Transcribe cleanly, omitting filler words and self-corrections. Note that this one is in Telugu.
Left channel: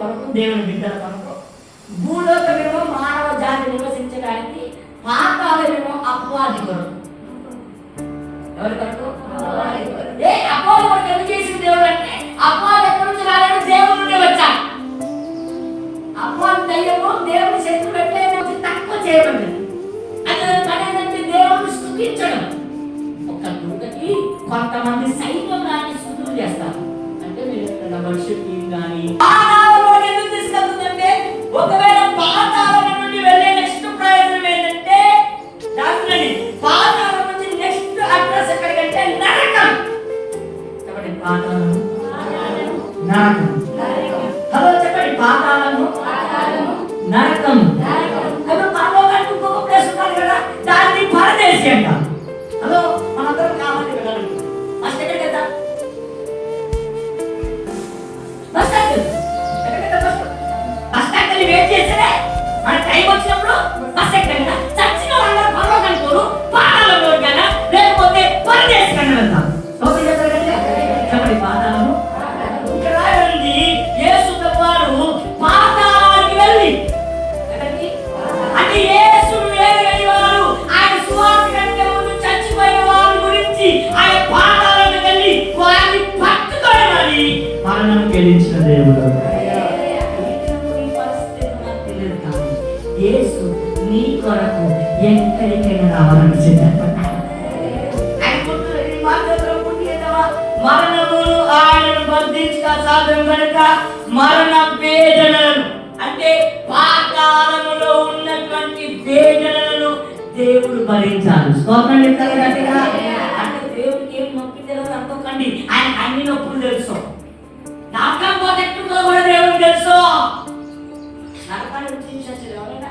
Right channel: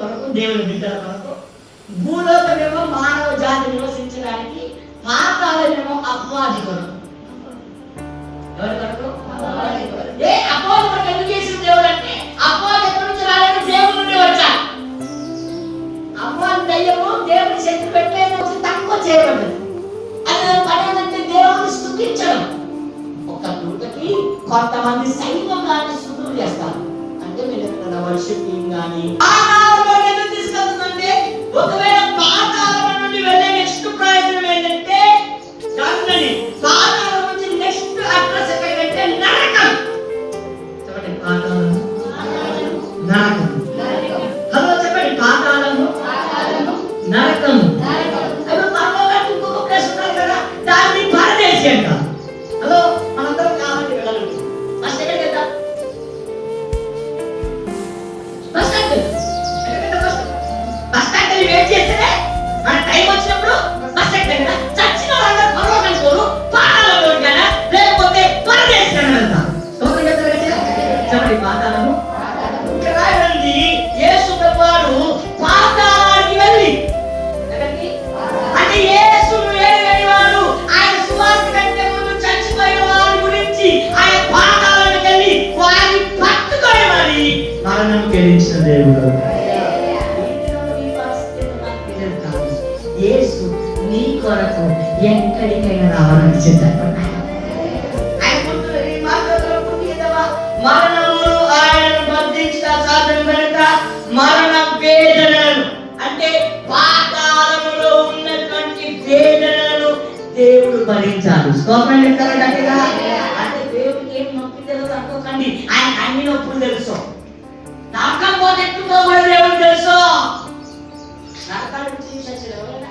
కొరకు, దేవుని బిడ్డల కొరకు. భూలోకమేమో మానవ జాతి నివసించడానికి, పాతాళమేమో అపవాది కొరకు. ఎవరి కొరకు? అపవాది కొరకు ఎందుకు చేసిన దేవుడు అంటే, అపవాది ఎక్కడి నుంచి రాగానే దేవుడి నుండి వచ్చాడు. అపవాది దయ్యము దేవుని శక్తి పెట్టలేదు, తక్కువ చేయబడ్డది. అది పని ఏంటంటే దేవుడిని స్తుతించడం. ఒక పూటకి కొంతమంది సైన్యంగానే స్తుతులు చేస్తారు. అంటే మీరు ఎక్కడ వర్షిపింగ్ కానీ పాతాళంలోకి ఎందుకు తీసుకెళ్తుందంటే, ఒకవేళ పాతాళం నుండి వెళ్ళే నెక్స్ట్ ప్రయోజనం ఏంటంటే, దాని పాతాళం నుంచి నెక్స్ట్ అడ్రస్ ఎక్కడికంటే నరకం. చెప్పండి, పాతాళం నరకం. హలో చెప్పండి, పాతాళము నరకము. అప్పుడు పరలోకానికి ఇంకొక ప్లేస్ ఉన్నారు కదా, దాన్ని పరదేశి అంటాం. హలో మనందరం కావాలి వెళ్ళాలి. ఫస్ట్ ఎక్కడికి వెళ్తాం? బస్ స్టాండ్ వెయిట్ చేస్తే మన టైం వచ్చినప్పుడు బస్ ఎక్కాలి కదా. చచ్చిన వాళ్ళందరూ పరలోకానికి పోరు, పాతాళంలో కానీ లేకపోతే పరదేశి కానీ వెళ్తాం. చెప్పండి, పాతాళము. ఇక్కడ రాయండి, యేసు ప్రభువారు పాతాళానికి వెళ్ళి అంటే యేసు వేరే వారు ఆయన సువార్త కంటే ముందు చచ్చిపోయిన వారి గురించి ఆయన పాతాళానికి వెళ్ళి వారిని పట్టుకొని మరి మరణం గెలిచిన దేవుడు. యేసు నీ కొరకు ఎక్కడికైనా రావాలని సిద్ధపడ్డాడు. మరణమును ఆయనను బంధించక సాధ్యం కనుక మరణ వేదనలను అంటే పాతాళములో ఉన్నటువంటి వేదనలను దేవుడు భరించాడు. స్తోత్రం చెప్తారా గట్టిగా? అంటే దేవుడికి ఏం నొప్పి తెలుసు అనుకోకండి, ఆయన అన్ని నొప్పులు తెలుసు. నరకం పోతే ఎట్టుకో కూడా దేవుడికి తెలుసు. నరకాలు ఎవరైనా